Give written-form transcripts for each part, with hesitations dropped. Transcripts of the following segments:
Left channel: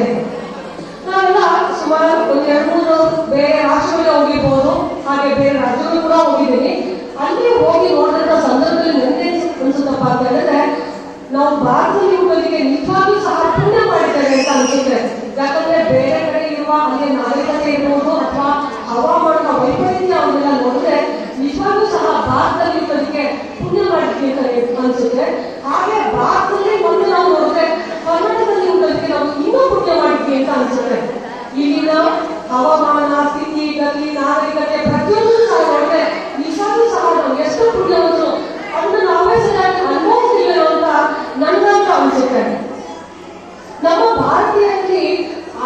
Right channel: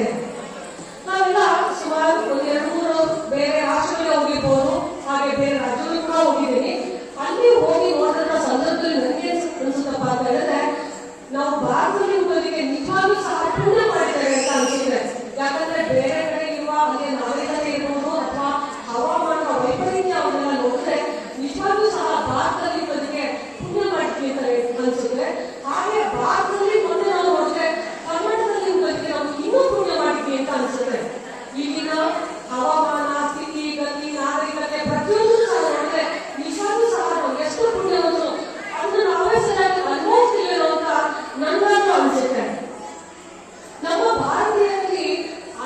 ಇದ್ದೇನೆ. ನಾವೆಲ್ಲ ಸುಮಾರು ಒಂದು 2-3 ಬೇರೆ ರಾಷ್ಟ್ರಗಳಿಗೆ ಹೋಗಿರ್ಬೋದು, ಹಾಗೆ ಬೇರೆ ರಾಜ್ಯಗಳು ಕೂಡ ಹೋಗಿದ್ದೀನಿ. ಅಲ್ಲಿ ಹೋಗಿ ನೋಡಿದಂಥ ಸಂದರ್ಭದಲ್ಲಿ ನನಗೆ ಅನ್ಸುತ್ತಪ್ಪ ಅಂತ ಹೇಳಿದ್ರೆ, ನಾವು ಭಾರತದಲ್ಲಿ ಹುಟ್ಟೋದಕ್ಕೆ ನಿಜವಾಗ್ಲೂ ಸಹ ಪುಣ್ಯ ಮಾಡಿದ್ದೇವೆ ಅಂತ ಅನ್ಸುತ್ತೆ. ಯಾಕಂದ್ರೆ ಬೇರೆ ಕಡೆ ಇರುವ ಅಲ್ಲಿ ನಾಗರಿಕತೆ ಇರ್ಬೋದು ಅಥವಾ ಹವಾಮಾನದ ವೈಪರೀತ್ಯ ಅವನ್ನೆಲ್ಲ ನೋಡಿದ್ರೆ ನಿಜವಾಗ್ಲೂ ಸಹ ಭಾರತದಲ್ಲಿ ಹುಟ್ಟೋದಕ್ಕೆ ಪುಣ್ಯ ಮಾಡಿದ್ವಿ ಅಂತ ಅನ್ಸುತ್ತೆ. ಹಾಗೆ ಭಾರತದಲ್ಲಿ ಒಂದು ನಾವು ನೋಡಿದ್ರೆ ಕರ್ನಾಟಕದಲ್ಲಿ ಹುಟ್ಟೋದಕ್ಕೆ ನಾವು ಇನ್ನೂ ಪುಣ್ಯ ಮಾಡಿದ್ವಿ ಅಂತ ಅನ್ಸುತ್ತೆ. ಇಲ್ಲಿನ ಹವಾಮಾನ, ಸ್ಥಿತಿ, ಗತಿ, ನಾಗರಿಕತೆ ಪ್ರತಿಯೊಂದು ಸಹ ನೋಡಿದ್ರೆ ನಿಜವಾಗ್ಲೂ ಸಹ ನಾವು ಎಷ್ಟು ಪುಣ್ಯವಂತರು ಅದನ್ನ ನಾವೇ ಸರಿಯಾಗಿ ಅನುಭವಿಸ್ತೀವೇನೋ ಅಂತ ನನಗಂತೂ ಅನ್ಸುತ್ತೆ. ನಮ್ಮ ಭಾರತೀಯರಲ್ಲಿ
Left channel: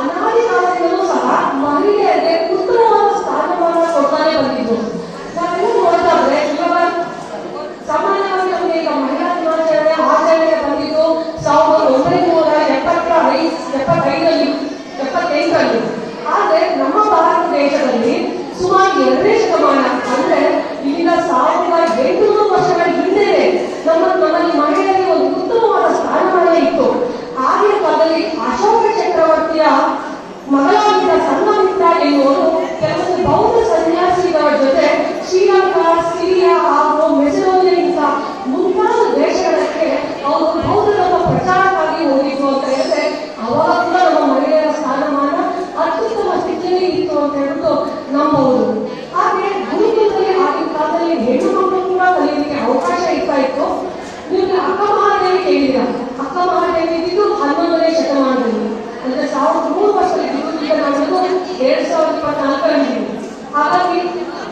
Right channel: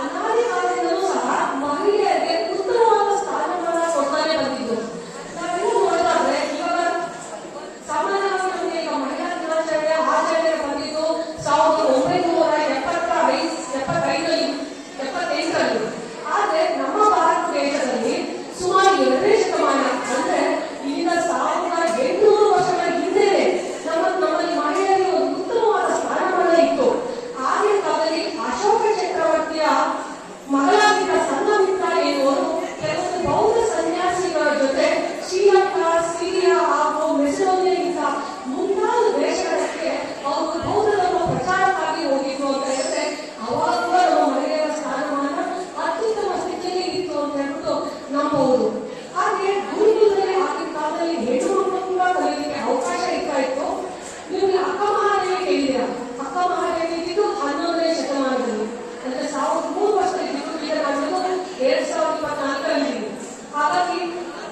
ಅನಾದಿ ಕಾಲದಿಂದಲೂ ಸಹ ಮಹಿಳೆಯರಿಗೆ ಉತ್ತಮವಾದ ಸ್ಥಾನಮಾನ ಕೊಡ್ತಾನೆ ಬಂದಿದ್ದು. ನಾವೆಲ್ಲ ನೋಡ್ತಾ ಇದ್ರೆ ಇವಾಗ ಸಾಮಾನ್ಯವಾಗಿ ನಮಗೆ ಈಗ ಮಹಿಳಾ ದಿನಾಚರಣೆ ಆಚರಣೆಗೆ ಬಂದಿದ್ದು 1975ರಲ್ಲಿ. ಆದ್ರೆ ನಮ್ಮ ಭಾರತ ದೇಶದಲ್ಲಿ ಸುಮಾರು 2ನೇ ಶತಮಾನ ಅಂದ್ರೆ ಇಲ್ಲಿನ 1800 ವರ್ಷಗಳ ಹಿಂದೆ ನಮ್ಮಲ್ಲಿ ಮಹಿಳೆಯರಿಗೆ ಒಂದು ಉತ್ತಮವಾದ ಸ್ಥಾನಮಾನ ಇತ್ತು. ಆಗಿನ ಕಾಲದಲ್ಲಿ ಅಶೋಕ ಚಕ್ರವರ್ತಿಯ ಮಗಳಾಗಿದ್ದ ಸಂಘಮಿತ್ರ ಎನ್ನುವರು ಕೆಲವೊಂದು ಬೌದ್ಧ ಸನ್ಯಾಸಿಗಳ ಜೊತೆ ಶ್ರೀಲಂಕಾ, ಸಿರಿಯಾ ಹಾಗೂ ಮೆಸಿಡೋನಿಯಾಗಿಂತ ಮುಂತಾದ ದೇಶಗಳಿಗೆ ಅವರು ಬೌದ್ಧ ಧರ್ಮ ಪ್ರಚಾರಕ್ಕಾಗಿ ಹೋಗಿತ್ತು ಅಂತ ಹೇಳಿದ್ರೆ ಅವಾಗ ಕೂಡ ನಮ್ಮ ಮಹಿಳೆಯರ ಸ್ಥಾನಮಾನ ಅತ್ಯುತ್ತಮ ಸ್ಥಿತಿಯಲ್ಲಿ ಇತ್ತು ಅಂತ ಹೇಳ್ಬಿಟ್ಟು ನಂಬಬಹುದು. ಹಾಗೆ ಗುರುಕುಲದಲ್ಲಿ ಆಗಿನ ಕಾಲದಲ್ಲಿ ಹೆಣ್ಣು ಮಕ್ಕಳು ಕೂಡ ಕಲಿಯಲಿಕ್ಕೆ ಅವಕಾಶ ಇರ್ತಾ ಇತ್ತು. ನಿಮಗೆ ಅಕ್ಕ ಮಹಾದೇವಿ ಕೇಳಿದ ಅಕ್ಕ ಮಹಾದೇವಿ ಇದ್ದಿದ್ದು 11ನೇ ಶತಮಾನದಲ್ಲಿ, ಅಂದ್ರೆ 1300 ವರ್ಷದಲ್ಲಿ ಗುರುಕುಲದಲ್ಲಿ ನಾವು 2024ರಲ್ಲಿ. ಹಾಗಾಗಿ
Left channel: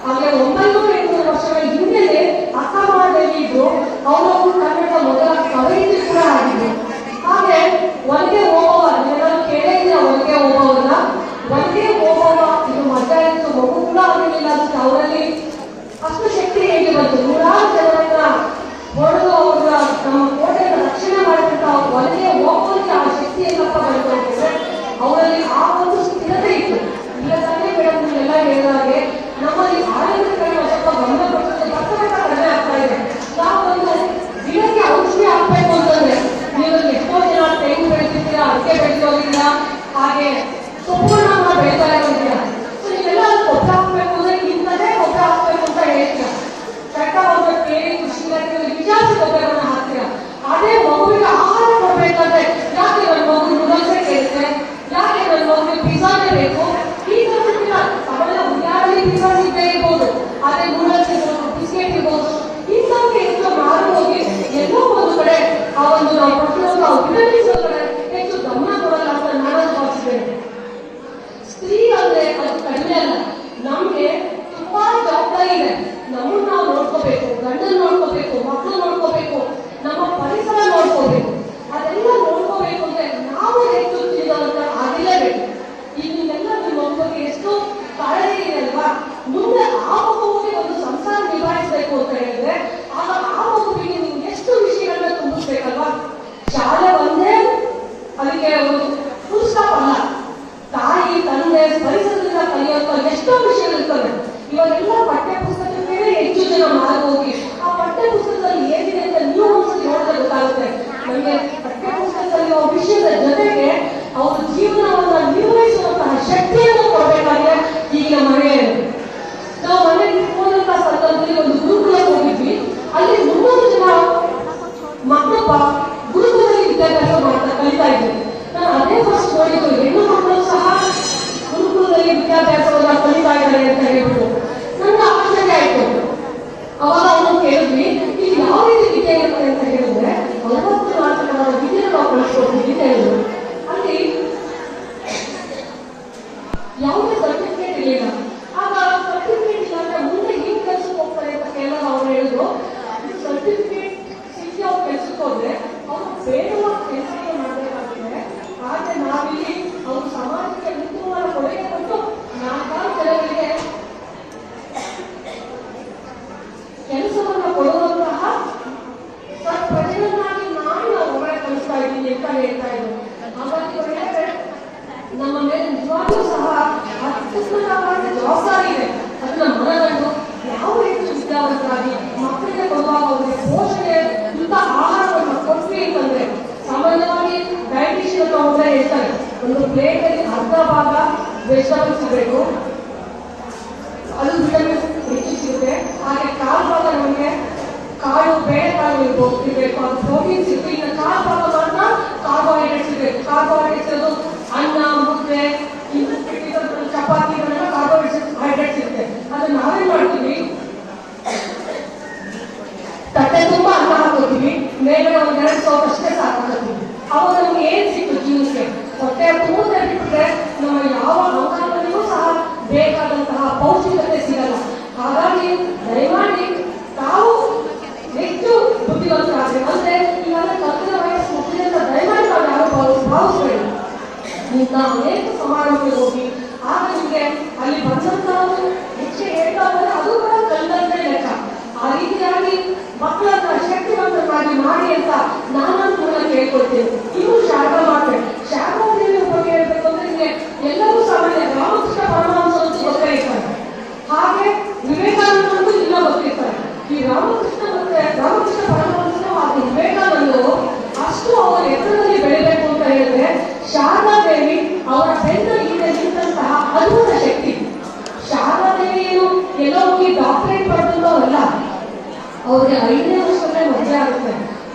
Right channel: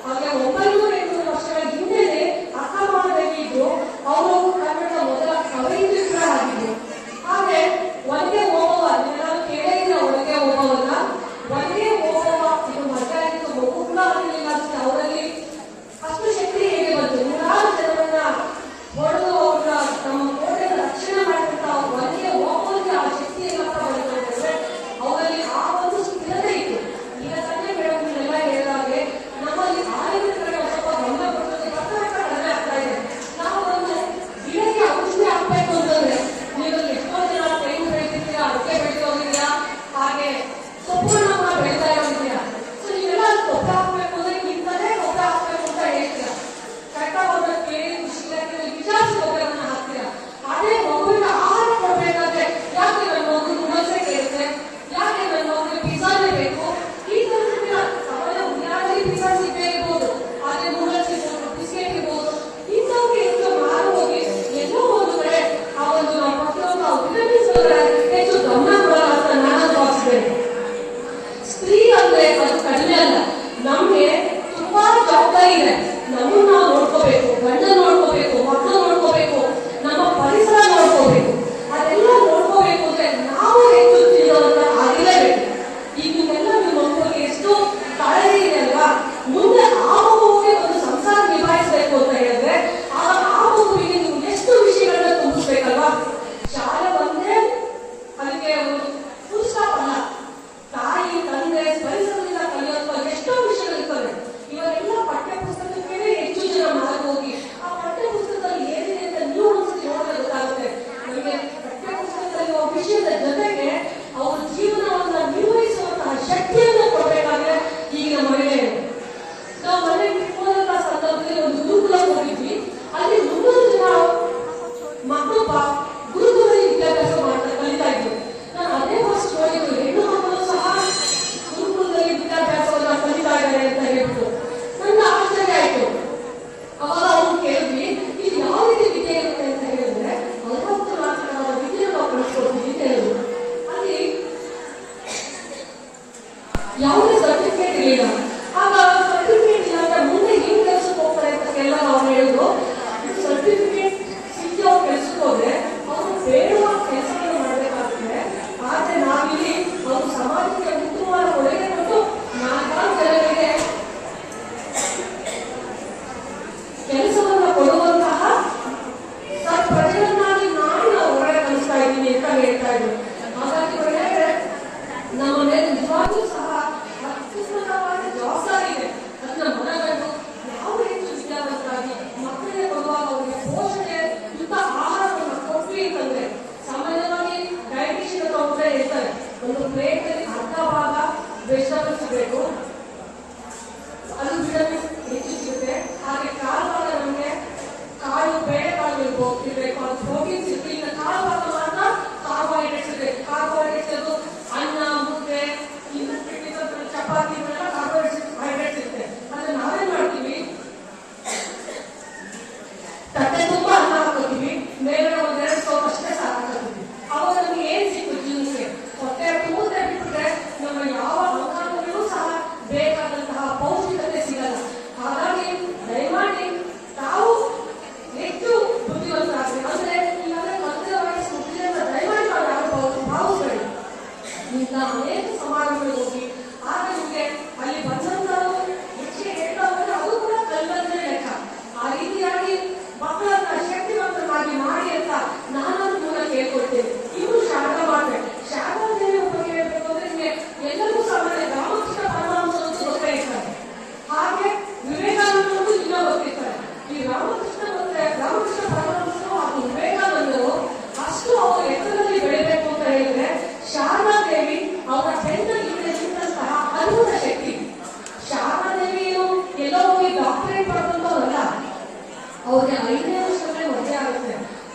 ಹಾಗೆ 900 ವರ್ಷಗಳ ಹಿಂದೆಯೇ ಅಕ್ಕ ಮಹಾದೇವಿ ಇದ್ದು ಅವರು ಕನ್ನಡ ಮೊದಲ ಕವಯಿತ್ರಿ ಕೂಡ ಆಗಿದ್ರು. ಹಾಗೆ ಒಳಗೆ ಓಬವ್ವ, ನೀವೆಲ್ಲರೂ ಕೇಳಿದ್ರೆ ಒಳಗೆ ಓಬವ್ವನ ಒಳಗೆ ಓಬವ್ವ ಇದು ಮದ್ದ ಇತ್ತು, ಮಗು ಕೂಡ ಆಗಿರಲಿಲ್ಲ. ಅದಕ್ಕೆ ಅವರಲ್ಲಿ ಅಷ್ಟು ಶಕ್ತಿ ಹೇಗೆ ಬಂತು? 100 ಜನರನ್ನ ಹೊಡೆದು ಅವರ ನಮ್ಮ ಕೋಟೆಯನ್ನು ರಕ್ಷಣೆ ಮಾಡಿದಂತ ಒಳಗೆ ಓಬವ್ವನಿಗೆ ಆ ಶಕ್ತಿ ಏನಪ್ಪ ಬಂತು ಅಂತಂದ್ರೆ ಅವರಲ್ಲಿ ಆ ಒಂದು ಸ್ಥಿರತೆ ಇತ್ತು. ಈಗ ತಾನೇ ಮೇಡಮ್ ನೀವೆಲ್ಲ ಹೇಳಿದಾಗೆ ನಮ್ಮಲ್ಲಿ ಆರೋಗ್ಯಕರಣ ಸ್ವಲ್ಪ ಗಮನ ಕೊಟ್ಟರೆ ಕಡಿಮೆ ಆಗ್ತಾ ಇದೆ. ನಾವು ಒಂದು ದಿನಕ್ಕೆ ಔಷಧಿ ಹಾಕ್ಬೇಕು ಅಂತಂದ್ರೆ ನೀವು ಎಷ್ಟೋ ಜನ ತೆಂಗು ಬೆಳೆದಿದ್ದೀರಾ, ಅಡಿಕೆ ಬೆಳೆದು ಹೋಗಿದ್ದೀರಾ, ಹಾಗೆ ಸೊಪ್ಪನ್ನ ಕೂಡ ಬೆಳೀತಾ ಇದ್ದೀರಾ. ಸೊ ನೀವೆಲ್ಲ ಗೊಬ್ಬರ ಹಾಕ್ಬೇಕು ಅಂದ್ರೆ ಇಂಥದೇ ಗೊಬ್ಬರ ಹಾಕ್ಬೇಕು ಅಂತ ಹೇಳ್ತೀರಾ. ಕರೆಕ್ಟಾಗಿ ಅವ್ರನ್ನ ಕೇಳಿ ಕೃಷಿ ಇಲಾಖೆಯಲ್ಲಿ ವಿಚಾರಿಸಿ ಗೊಬ್ಬರವನ್ನು ಹಾಕ್ತೀರಾ. ಅದೇ ಮಗುವಿಗೆ ಆಹಾರ ಕೊಡಬೇಕಾದ್ರೆ ಯಾಕೆ ನನ್ನ ಮಗು ನೂಡಲ್ಸೇ ಕೇಳುತ್ತೆ, ಯಾಕೆ ನನ್ನ ಮಗುವಿಗೆ ಪಿಜ್ಜಾನೇ ಬೇಕು, ಈ ತರ ಅವೆಲ್ಲ ಯಾರಲ್ಲಿ ಪಿಜ್ಜಾ ಸಿಗದೇ ಇರ್ಬೋದು, ಅದೇ ನೂಡಲ್ಸ್ ಇರ್ಬೋದು, ಬಿಸ್ಕೆಟ್ ಇರ್ಬೋದು, ಇಂಥವ್ರಿಗೆ ಹೆಚ್ಚು ಮಾರು ಹೋಗಿ ಎಲ್ಲೋ ಒಂದು ಕಡೆ ಆ ಒಂದು ನಾವು ಪ್ರತಿಯೊಂದು ವಿಟಮಿನ್ಸ್ ಹೆಚ್ಚು ಗಮನ ಕೊಡಲ್ಲ ಅಂತ ನಾನು ಭಾವಿಸಿದ್ದೇನೆ. ಸ್ತ್ರೀ ಅಂದ್ರೆ ಅದು ಕಡಿಮೆ ಅಲ್ಲ, ನಮ್ಗೆ ತುಂಬಾ ಜವಾಬ್ದಾರಿ ಇದೆ. ನಮ್ಮನ್ನು ನಾವು ನೋಡ್ಕೋಬೇಕು, ಗಂಡನ ನೋಡ್ಕೋಬೇಕು, ಮಕ್ಕಳು ನೋಡ್ಕೋಬೇಕು, ನಮ್ಮ ಪರಿಸರ ನೋಡ್ಕೋಬೇಕು. ಅದೆಲ್ಲ ನೋಡ್ಕೋಬೇಕು ಅಂದ್ರೆ ನಾವು ಹೆಚ್ಚು ತಿಳಿದವಂತ ಆಗಿರಲೇಬೇಕು. ಈಗ ನೀವೆಲ್ಲ ನೀವು ನೋಡ್ಕೋಕೆ ಎಷ್ಟು ಕಾಳಜಿ ಇದೆ ಅಲ್ವಾ? ಮುಂದೆ ಆ ಮಗುವಿಗೆ ಒಂದು ಸಂಸಾರ ನಿಭಾಯಿಸಬೇಕು ಅಂತ ಹೇಳಿದ್ರೆ ಆಗ ಆ ಮಗುವಿಗೆ ನೀವು ಎಷ್ಟು ವಿಷಯಗಳನ್ನ ತುಂಬಿಸ್ಬೇಕಲ್ವಾ? ಶಾಲೆ ಒಂದೇ ಅದಕ್ಕೆ ಒಂದು ಫುಲ್ ಸ್ಟಾಪ್ ಅಲ್ಲ. ತಾಯಿ, ತಂದೆ, ಪರಿಸರದಿಂದ ಕಲಿಯುವಂತ ಎಷ್ಟೋ ವಿಷಯಗಳಿರ್ತವೆ. ಇವಾಗೆಲ್ಲ ಪಠ್ಯ ಪುಸ್ತಕಕ್ಕೆ ಹೆಚ್ಚು ಜನ ಮಾರ್ಗ ಹೋಗಿ ಆ ಪಠ್ಯ ಪುಸ್ತಕದಲ್ಲಿ ಏನಿದೆ ಅಂತ ನೀವು ಒಂದ್ಸತಿ ನೋಡಿದ್ರೆ ಗೊತ್ತಾಗುತ್ತೆ. ನಮಗೆ ಪಠ್ಯ ಪುಸ್ತಕದಲ್ಲಿ ವಿಷಯದ ಜೊತೆಗೆ ಅವರ ಜೀವನವನ್ನ ನಿರ್ವಹಿಸುವಂತಹ ಶಕ್ತಿಯನ್ನು ಕೊಡಬೇಕಾದ್ರೆ ಈಗಿನ ಮಹಿಳೆಯರು. ನಾವು ಮನೆಯಲ್ಲಿ ಹೋದಂತ ಸಂದರ್ಭದಲ್ಲಿ ಒಂದು ಗುರುಕುಲಕ್ಕೆ ಹೋಗಿದ್ವಿ. ಅಲ್ಲಿ 300 ಜನ ಮಕ್ಕಳು ಗುರುಕುಲದಲ್ಲಿ ವಿದ್ಯಾಭ್ಯಾಸ ಕಲಿತಾ ಇದ್ವಿ. ನಾನು ಅದೇ ಫಸ್ಟ್ ನೋಡಿದ್ದು, ಹೆಣ್ಣು ಮಕ್ಕಳು ಸಹ ಗುರುಕುಲದಲ್ಲಿ ವಿದ್ಯಾಭ್ಯಾಸವನ್ನ ಕಲಿತಾ ಇದ್ದಾರೆ ಅಂತ ಹೇಳ್ಬಿಟ್ಟು ನನಗೆ ಆಶ್ಚರ್ಯ ಆಯ್ತು. ಅವಾಗ ಅವನು ಕೇಳಿದ್ವಿ, ಇದು ಯಾವ ರೀತಿ ವಿದ್ಯೆ ಇರುತ್ತೆ ಅಂತ ಹೇಳಿದ್ರೆ 44 ವಿದ್ಯೆ ನಾವು ಕಳಿಸ್ಕೊಡ್ತೀವಿ ಅಂತ ಹೇಳಿದ್ರು. ಅಲ್ಲಿ ಯಾವುದೇ ಸರ್ಟಿಫಿಕೇಟ್ ಇರಲಿಲ್ಲ. ಆಗ ಸರ್ಟಿಫಿಕೇಟ್ ಇಲ್ಲ ಅಂದ್ರೆ ಮುಂದೆ ಏನ್ ಕೆಲ್ಸಕ್ಕೆ ಹೋಗ್ತಾರೆ ಅಂತ ಕೇಳಿದಾಗ ಅವ್ರು ಹೇಳಿದ್ರು, ಸರ್ಟಿಫಿಕೇಟ್ ಸಿಕ್ಕಿ ಅವ್ರು ಕೆಲ್ಸಕ್ಕೆ ಹೋದ್ರೆ ಅವ್ರು ಬೇಡವಾದ ಕೆಲಸಗಳು ಮಾಡಬೇಕಾಗುತ್ತೆ. ಆದ್ರೆ ನಾವಿಲ್ಲಿ ಅವರು ಸಮಾಜಕ್ಕೆ ಉತ್ತಮವಾದ ಕೊಡುಗೆ ಕೊಟ್ಟು 4 ಜನರಿಗೆ ಕೆಲಸವನ್ನು ಕೊಡುವಂತಹ ಪ್ರಜೆಗಳನ್ನಾಗಿ ನಾನು ಹೊರಗಡೆ ಕಲಿಸ್ತಾ ಇದ್ದೀನಿ ಅಂತ ಹೇಳ್ತಾ ಇದ್ರು. ಹಾಗಾಗಿ ನಮ್ಮ ಮೇಲೆ ನಿಜವಾಗ್ಲೂ ಸಹ ಅತ್ಯುತ್ತಮವಾದ ಪ್ಲೇಟಲ್ಲಿ ಅರ್ಧ ಭಾಗ ವೆಜಿಟಬಲ್ಸ್ ಸಿಗಬೇಕು, ಅದು ವಿಟಮಿನ್ಸ್ ಹೆಚ್ಚು ಸಿಗುತ್ತೆ. ಹಾಗೆ ಕಾಲು ಭಾಗ ನಮಗೆ ಕಾಳು ಬೇಳೆಕಾಳು ಇರಬೇಕು, ಅದು ಪ್ರೋಟೀನ್ ಸಿಗುತ್ತೆ. ಇನ್ನು ಕಾಲು ಭಾಗ ಮಾತ್ರ ಕಾರ್ಬೋಹೈಡ್ರೇಟ್ಸ್ ಇರಬೇಕು. ಕಾರ್ಬೋಹೈಡ್ರೇಟ್ಸ್ ಅದು ಅನ್ನ, ಮುದ್ದೆ, ಚಪಾತಿ ಇವೆಲ್ಲ ಕಾರ್ಬೋಹೈಡ್ರೇಟ್ಸ್ ಇರುತ್ತೆ. ಅದನ್ನ ನಾವೇ ಮಾಡ್ತೀವಿ, ತಟ್ಟೆ ತುಂಬ ಅನ್ನ ಹಾಕೋತೀವಿ, ಮೇಲೆ ಒಂದೆರಡು ಸೌಟ್ ಅಷ್ಟೇ ಸಾಕಾಕೋತೀವಿ. ಅವಾಗ ನಮ್ಗೆ ಏನ್ ಸಿಕ್ತು ಜೀವನಕ್ಕೆ? ಹೊಟ್ಟೆ ತುಂಬದೆ ಬಿಟ್ಬಿಟ್ರೆ ನಮ್ಮ ಯಾವ ಅಂಗಾಂಗಗಳಿಗೂ ಸಹ ಬೇಕಾದಂತಹ ಪೌಷ್ಟಿಕತೆ ಸಿಗಲ್ಲ. ಹಾಗಾಗಿ ದಯಮಾಡಿ ತಾವು ಹೆಚ್ಚು ಬುದ್ಧಿವಂತರಾಗ್ರಿ. ಅಂದ್ರೆ ಈಗಾಗಲೇ ಕಲಿತ ವಯಸ್ಸು ಮಕ್ಕಳಿಂದ ದಯಮಾಡಿ ನಾವು ಯಾರು ಭಾವಿಸ್ಬೇಡಿ. ನೀವು ಅನೇಕ ಸಮಾರಂಭಕ್ಕೆ ಹೋಗಿ ಆಗ ನಿಮಗೆ ಅಲ್ಲಿ ಬಂದಂತಹದ್ದು ಹೆಚ್ಚಿಗೆ ಹೇಳ್ತಾ ಹೋದ್ರೆ ಅದು ಕೂಡ ಕಲ್ಲಂದ್ರೆ ಲೆಕ್ಕ. ಆ ರೀತಿಯಾಗಿ ಮಕ್ಕಳನ್ನ ಶಕ್ತಿವಂತರಾಗಿ ಮಾಡಿ ಅಂತ ನಾನು ಕೂಡ ಕೇಳ್ಕೊಳ್ತೇನೆ. ಇನ್ನು ಶಾರದಾ ಮಾತೆ, ಶಾರದಾ ದೇವಿಯ ಬಗ್ಗೆ ಹೇಳ್ಬೇಕು ಅಂದ್ರೆ ನಿಮಗೆ ಎಲ್ಲರೂ ಸಾಮಾನ್ಯ ರಾಮಕೃಷ್ಣ ಪರಮಹಂಸ ಅಂತ ಗೊತ್ತಿರ್ತಾರೆ, ಹಾಗೆ ವಿವೇಕಾನಂದರು ಇಲ್ಲ ಗೊತ್ತಿರ್ತಾರೆ. ಈ ರಾಮಕೃಷ್ಣ ಪರಮಹಂಸರು ಹಾಗೂ ವಿವೇಕಾನಂದರು ಅಷ್ಟು ಅವರ ಎತ್ತರದಲ್ಲಿ ಬೆಳಿಬೇಕು ಅಂತ ಹೇಳಿದ್ರೆ ಶಾರದಾ ದೇವಿ ಅವರ ಬೆಂದಲ್ಲಿ ಹಿಂದೆ ನಿಂತಹ ಅದ್ಭುತ ಶಕ್ತಿ. ಶಾರದಾ ದೇವಿ ಏನು ಎಲ್ಲೋ ಹೋಗಿ ಡಾಕ್ಟರೇಟ್ ಪಡೆದಂತವಲ್ಲ, ಅವ್ರಿಗೆ 5ನೇ ವರ್ಷದಲ್ಲೇ ಮದುವೆ ಆಗುತ್ತೆ.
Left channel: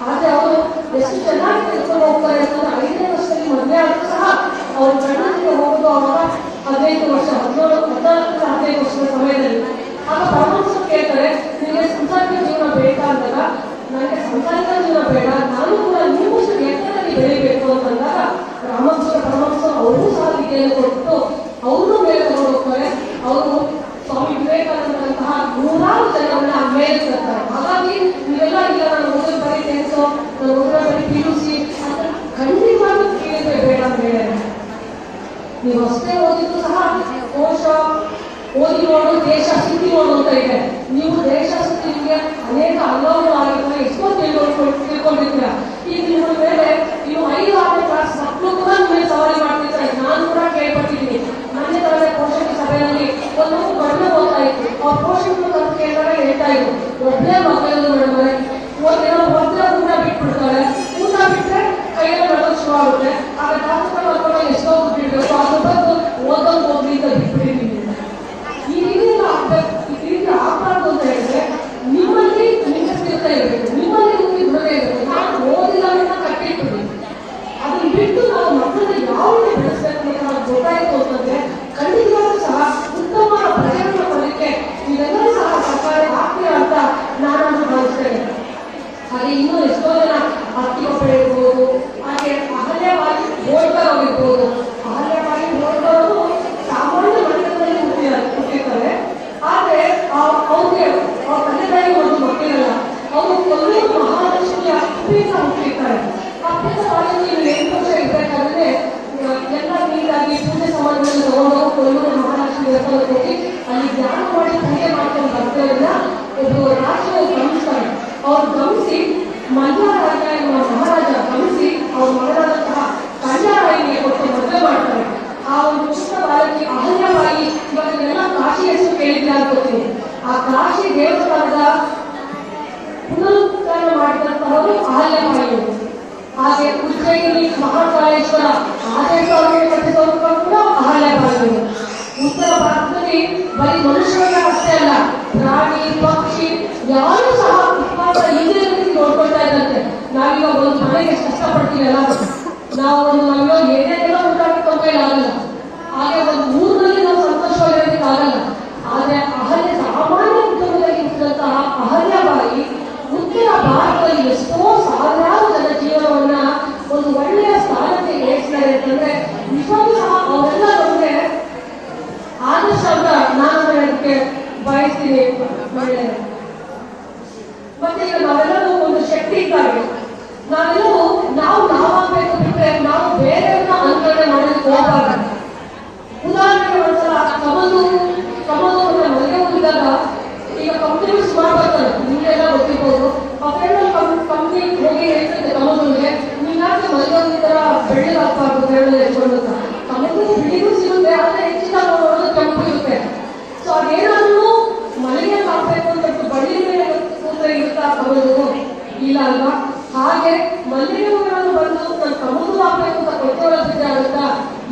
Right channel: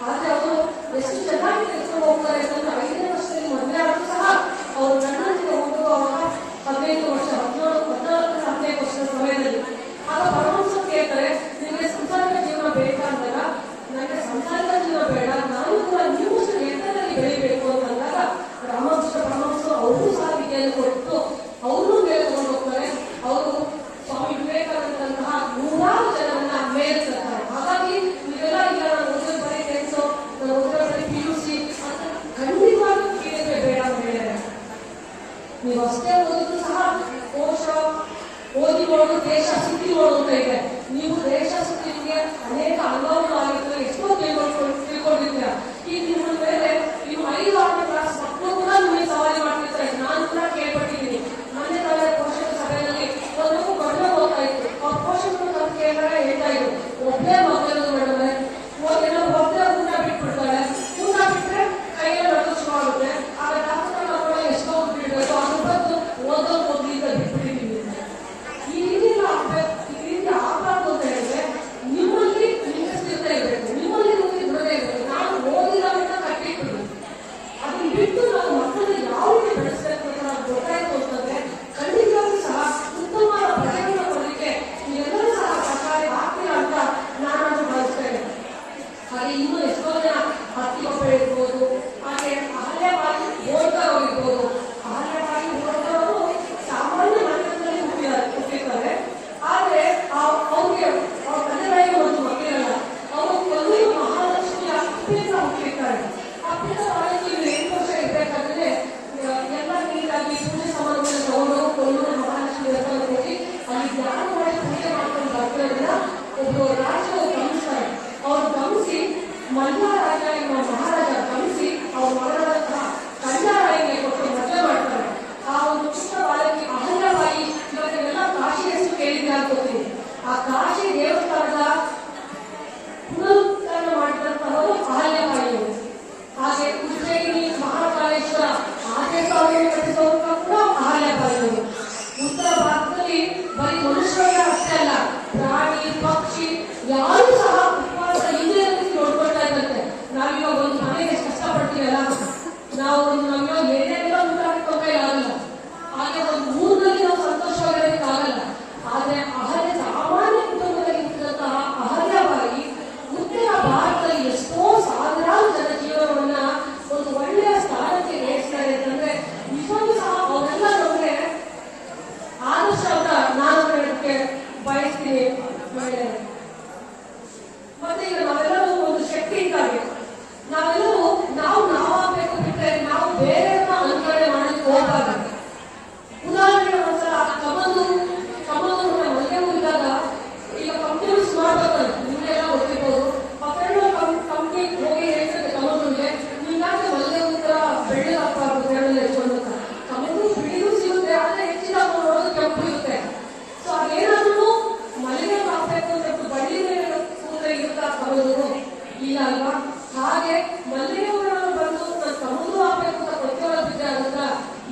ಆದ್ರೆ ಅವರು ಎಷ್ಟು ಚೆನ್ನಾಗಿ ತಿಳ್ಕೊಂಡು ಹೋಗ್ತಾರೆ ಅಂತಂದ್ರೆ 5ನೇ ವರ್ಷದಲ್ಲಿ ಮದುವೆ ಆದರೂ ಸಹ ಅವ್ರ ಗಂಡನಿಗೆ ಹೋಗೋದು ಅವಾಗ 15 ವರ್ಷ, 14 ವರ್ಷದ ಸಮಯದಲ್ಲಿ. ಆಗ ಪರಮಹಂಸರು ಕೇಳ್ತಾರೆ, ನಿಮಗೆ ಸಂಸಾರಿಕ ಜೀವನ ಬೇಕಾ ಅಂದಾಗ, ನನಗೆ ಸಂಸಾರಿಕ ಜೀವನ ಬೇಡ, ನಾನು ಕೂಡ ನೀವು ಎತ್ತರದಲ್ಲಿ ಬೆಳಿಬೇಕು ಅಂತಂದಾಗ ರಾಮಕೃಷ್ಣ ಪರಮಹಂಸರು ಅವ್ರಿಗೂ ಸಹ ವಿದ್ಯೆಯನ್ನು ಕೊಟ್ಟು ಅವ್ರನ್ನೂ ಮೇಲೆ ತಗೊಂಡು ಹೋಗ್ತಾರೆ. ಅವರು ಸ್ವಾಮಿ ವಿವೇಕಾನಂದಂತಹ 100 ಜನರನ್ನ ಮೇಲೆ ತರ್ತಾರೆ. ಹಾಗಾಗಿ ನೀವೆಲ್ಲ ಇಲ್ಲ ನಾನು ಓದೋದು ಬರೀ ಟೆನ್ಸು, ನಾನು ಓದೋ ಬರೀ PUC ಅಂತ ಖಂಡಿತವಾಗ್ಲೂ ಕೇಳಿದ್ರೆ ಬೇಡ ಅಂತ ಹೇಳಿದ್ರೆ, ನೀವು ಅಷ್ಟೇ ಓದಿದ್ರು ಸಹ ಕೋಶ ಓದಿ ನೋಡು, ದೇಶ ಸುತ್ತಿ ನೋಡು ಅಂತ ಇದೆ. ನೀವು ದೇಶ ಸುತ್ತಿ ನಿಮಗೆ ಅನೇಕ ಅನುಭವಗಳಾಗಿರ್ತವೆ, ಎಷ್ಟೋ ತಿಳ್ಕೊಂಡಿರ್ತೀರ. ಈಗ ನಿಮ್ಮ ಮೇಲೆ ನೀವು 5-6ನೇ ಕ್ಲಾಸ್ ಮಕ್ಕಳು ಕೂಡ ನಿಮಗೆ ಸವಾರಿ ಮಾಡ್ತಿರ್ತಾರೆ. ನಾನು ಕೂಡ ಕೇಳ್ಪಟ್ಟಿದ್ದೀನಿ. ಮೊನ್ನೆ ತರಗತಿ ಪೋಷಕ ಸಭೆಯಲ್ಲಿ ಒಂದು ಕಡಿಮೆ ಓದ್ತಾ ಇತ್ತು. ಅವ್ರ ಪೋಷಕರು ಕರೆದು ಕೇಳಿದಾಗ ಹೇಳ್ತಾ ಇದ್ರು, ಒಬ್ಬನೇ ಮಕ್ಕಳು ಮಾಡಿದ್ರೆ ಒಂದಿನ ಒಬ್ಬರ ಊಟ ಬಿಟ್ಬಿಡ್ತಾರೆ, ಊಟ ಬಿಟ್ಟರೆ ಕೈಯಲ್ಲಿ ನಡೋದು ಶುರು ಆಗುತ್ತೆ. ಆಗ ಡಾಕ್ಟರ್ ಮಕ್ಕಳು ಎಷ್ಟೋ ಬಿಡ್ಬೇಕು, ಅದ್ರ ಬಂದು ಓದೋದು ಹೋಗ್ಲಿ ಅಂತ ಬಿಟ್ಬಿಟ್ಟಿದ್ದೀನಿ. ಈ ರೀತಿ ಆಗ್ಬಾರ್ದು ಅಂತ ಹೇಳಿದ್ರೆ ನಿಮ್ಮಲ್ಲಿ ನಿಮಗೆ ಸ್ಥಿರತೆ ಇರಬೇಕು, ನಿಮ್ಮಲ್ಲಿ ನಿಮಗೆ ದೃಢತೆ ಇರಬೇಕು. ನಾನು ಓದಿಲ್ಲ ಅಂತ ಕಟ್ಟಿಟ್ಬಿಡಿ, ಅದನ್ನ ಬಿಟ್ಟು ನಾವು ಮಕ್ಕಳನ್ನ ಯಾವ ರೀತಿ ಬೆಳೆಸಬೇಕು ಅಂತ ನಾವು ಗೊತ್ತಾಯ್ತು ಅಂತಂದ್ರೆ ಖಂಡಿತವಾಗ್ಲೂ ಸಹ ಉತ್ತಮವಾದ ಪ್ರಜೆಗಳನ್ನ ಕೊಡಲಿಕ್ಕೆ ನೀವೆಲ್ಲರೂ ಸಹ ಸರ್ಕಾರ ಆಗ್ತೀರಾ ಅಂತ ನಾನು ಭಾವಿಸ್ತೇನೆ. ಹಾಗೆ ಇನ್ನೂ ಎಷ್ಟೋ ಜನ ಅತ್ತಿಗೊಬ್ಬ ಇರ್ಬೋದು, ಹಾಗೆ ಅಹಲ್ಯವಾಗಿ ಹೋಳ್ಕರ್ ಆಗಿರ್ಬೋದು. ಅಹಲ್ಯವಾಗಿ ಹೋಳ್ಕರ್ ಅವರು ಸಾಮಾನ್ಯ ಮನೆಗಳಲ್ಲಿ ಹುಟ್ಟಿರ್ತಾರೆ. ಆದ್ರೆ ಅವ್ರಿಗೆ ಅವ್ರ ತಂದೆಗಳಿಗೆ ಒಂದು ಮಕ್ಕಳಿರಲ್ಲ. ಅವರು ಕೊಲ್ಲೂರು ಮಹಾಲಕ್ಷ್ಮಿಯ ಅಪ್ಪಿತ ಹುಟ್ಟಿರ್ತಾರೆ. ಅಪ್ಪಿತ ಕಾಲದಲ್ಲಿ 8 ವರ್ಷ ಇರ್ಬೇಕಾದ್ರೆ ಎಲ್ಲ ನೀರಾಗಿ ಪೂಜೆ ಸಮಾರಂಭದಲ್ಲಿ ತಗೊಂಡು ಕೊಲ್ಲೂರು ಮಹಾಲಕ್ಷ್ಮಿ ದೇವಸ್ಥಾನಕ್ಕೆ ಹೋಗಿ ಅಲ್ಲಿ ಧ್ಯಾನ ಮಾಡಿ ಪೂಜೆ ಮಾಡ್ಕೊಂಡು ಬರ್ತಾರನ್ನ ಒಬ್ಬ ರಾಜ್ಯವು ಗಮನಿಸ್ತಾರೆ. ಅವ್ರು ಗಮನಿಸಿ ಮಲ್ಲಾರಾಜ ಎಂಬ ಮಹಾರಾಜ ಗಮನಿಸಿ ಅವ್ರ ಮಗಳಾದಂತಹ ಕನ್ಯಾರಾಯಿಗೆ ಕೊಟ್ಟು ಮದುವೆ ಮಾಡ್ತಾರೆ. ಆ ಒಂದು ಪುಟ್ಟ ಬಾಲಕಿ ಅಹಲ್ಯಬಾಯಿ. ಇವತ್ತೆಲ್ಲ ಕಾಶಿ ಹೆಸರು ಕೇಳಿದ್ರೆ ಅನ್ಕೋತೀನಿ. ಆ ಕಾಶಿ ದೇವಸ್ಥಾನದ ಪುನರುತ್ಥಾನ ಮಾಡಿದಂತಹವರು ಅಹಲ್ಯಬಾಯಿ. ಹಾಗೆ ಉಜ್ಜಯಿನಿ ಮಹಾಕಾಳೇಶ್ವರ ಆದೇಶವನ್ನು ಕಟ್ಟಿಸೋರು ಕೂಡ ಅಹಲ್ಯಬಾಯಿ. ಉತ್ತರ ಭಾರತದಲ್ಲಿ ಬರೀ ಮನುಷ್ಯರಿಗೆ ಅಷ್ಟೇ ಅಲ್ಲ, ಪ್ರಾಣಿ ಪಕ್ಷಿ ಯಾರು ಸಹ ಇಂದ್ರಿಯಲ್ಲಿ ನೋಡ್ಕೊಳ್ತಾ ಇದ್ದಂತೆ. ನಾವೀಗ ಒಂದು ಮನೆಗೆ ಎಷ್ಟು ಕಷ್ಟಪಡ್ತೀವಲ್ಲ, ನಾವು ಒಂದು ಏನೇನೆಲ್ಲ ಊಟ ಹಾಕೊಂಡ್ರೆ ಆಗಲ್ಲ, ಹಾಗೆ ಒಂದು ಊರಿನಲ್ಲಿ ನಾವು ಸಂತೋಷವಾಗಿರೋದಕ್ಕೆ ಆಗಲ್ಲ. ಆದ್ರೆ ಅಹಲ್ಯ ಸಾಮಾನ್ಯ ಕುಟುಂಬದಲ್ಲಿ ಇದ್ದಂತಹ ಅಹಲ್ಯಬಾಯಿ ಉತ್ತರ ಭಾರತದಲ್ಲಿ ಎಷ್ಟೋ ಸಾವಿರಾರು ಜನ ಜೀವನವನ್ನ ಒಂದು ಒಳ್ಳೆಯ ಸ್ಥಾನಕ್ಕೆ ಏರಿಸ್ತಾರೆ ಅಂತಂದ್ರೆ ನಿಜವಾಗ್ಲೂ ಸಹ ಅವರೆಲ್ಲ ನಮಗೆ ಆದರ್ಶ ಅಂತ ನಾನು ಹೇಳಕ್ಕೆ ಬಯಸ್ತೀನಿ. ಮತ್ತೆ ಈಗ ನಾವೆಲ್ಲರೂ ಒಂದು ಶಕ್ತಿ ಇದ್ದಾರೆ. ನಾವೆಲ್ಲರೂ ನಾವಾಗಬೇಕು ಬಿಟ್ಟರೆ ನಾವು ಬೇರೆಯವ್ರನ್ನ ಅನುಕರಣೆ ಮಾಡೋದಕ್ಕೆ ಹೋಗಬಾರ್ದು. ಉದಾಹರಣೆಗೆ ಒಂದ್ಸಲ ಕಮಲು ಮನೆಗೆ ಹೋಗಿದ್ದಾಗ ಈಗ ಕಂಪ್ನಿಗಳು ಸುಮಾರು ಬರ್ತಾರೆ, ನಿಮಗೆಲ್ಲ ಗೊತ್ತಿರ್ಬೋದು. ಆ ಫ್ರೆಂಡ್ ಕಂಪ್ನಿ ಹೋಗಿ ಹೇಳ್ತಿದ್ದೆ ಕಮಲ್ಗೆ, ನೀನಾದ್ರೆ ಮನೆಗೆ ಹೋಗಿದ್ದಾರ ಬೆಳ್ಳಿಗೆ ಹಾಕ್ಬಾರ್ದು ಫ್ರೆಂಡ್ ಎತ್ಕೊಂಡು ಅಂತ. ಕಮಲ್ಗೂ ಬಿಳಿಗೂ ಸಿಗುತ್ತೆ, ಆದ್ರೆ ಹೆಚ್ಚಿನ ನೋಡೋದು ಕೆಂಪು ಇರುತ್ತೆ. ಸೊ ಅದೇನಾದ್ರೂ ಮನೆ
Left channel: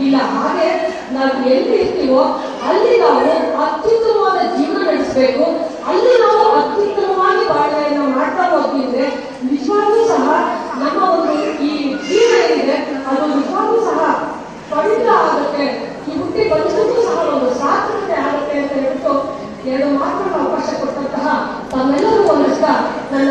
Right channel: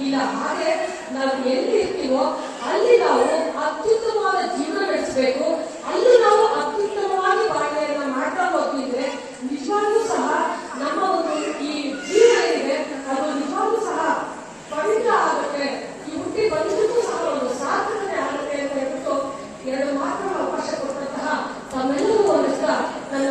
ಇಲ್ಲ ಹಾಗೆ ನಾವು ಎಲ್ಲಿ ಇರ್ತೀವೋ ಅಲ್ಲಿ ನಾವು ಅತ್ಯುತ್ತಮವಾದ ಜೀವನ ನಡೆಸಬೇಕು, ಅಲ್ಲಿ ನಾವು ಅತ್ಯುತ್ತಮವಾಗಿ ಬಾಳ್ವೆಯನ್ನ ಮಾಡ್ತಾ ಹೋಗ್ತಿದ್ರೆ ನಿಜವಾಗ್ಲೂ ಸಹ ನಮ್ಮ ಒಂದು ಈ ಜೀವನ ಏನಿದೆ ಅದು ನಿಜವಾಗ್ಲೂ ಸಹ ಪವಿತ್ರ ಆಗುತ್ತೆ, ಈ ಹುಟ್ಟಿ ಬಂದಕ್ಕೂ ಸಹ ಒಂದು ಸಾರ್ಥಕತೆ ಆಗುತ್ತೆ ಅಂತ ಹೇಳ್ಬಿಟ್ಟು ಎರಡು ಮಾತ್ರ ಅವಕಾಶ ಕೊಟ್ಟಂತಹ ತಮ್ಮೆಲ್ಲರೂ ಒಂದಷ್ಟ ನನ್ನ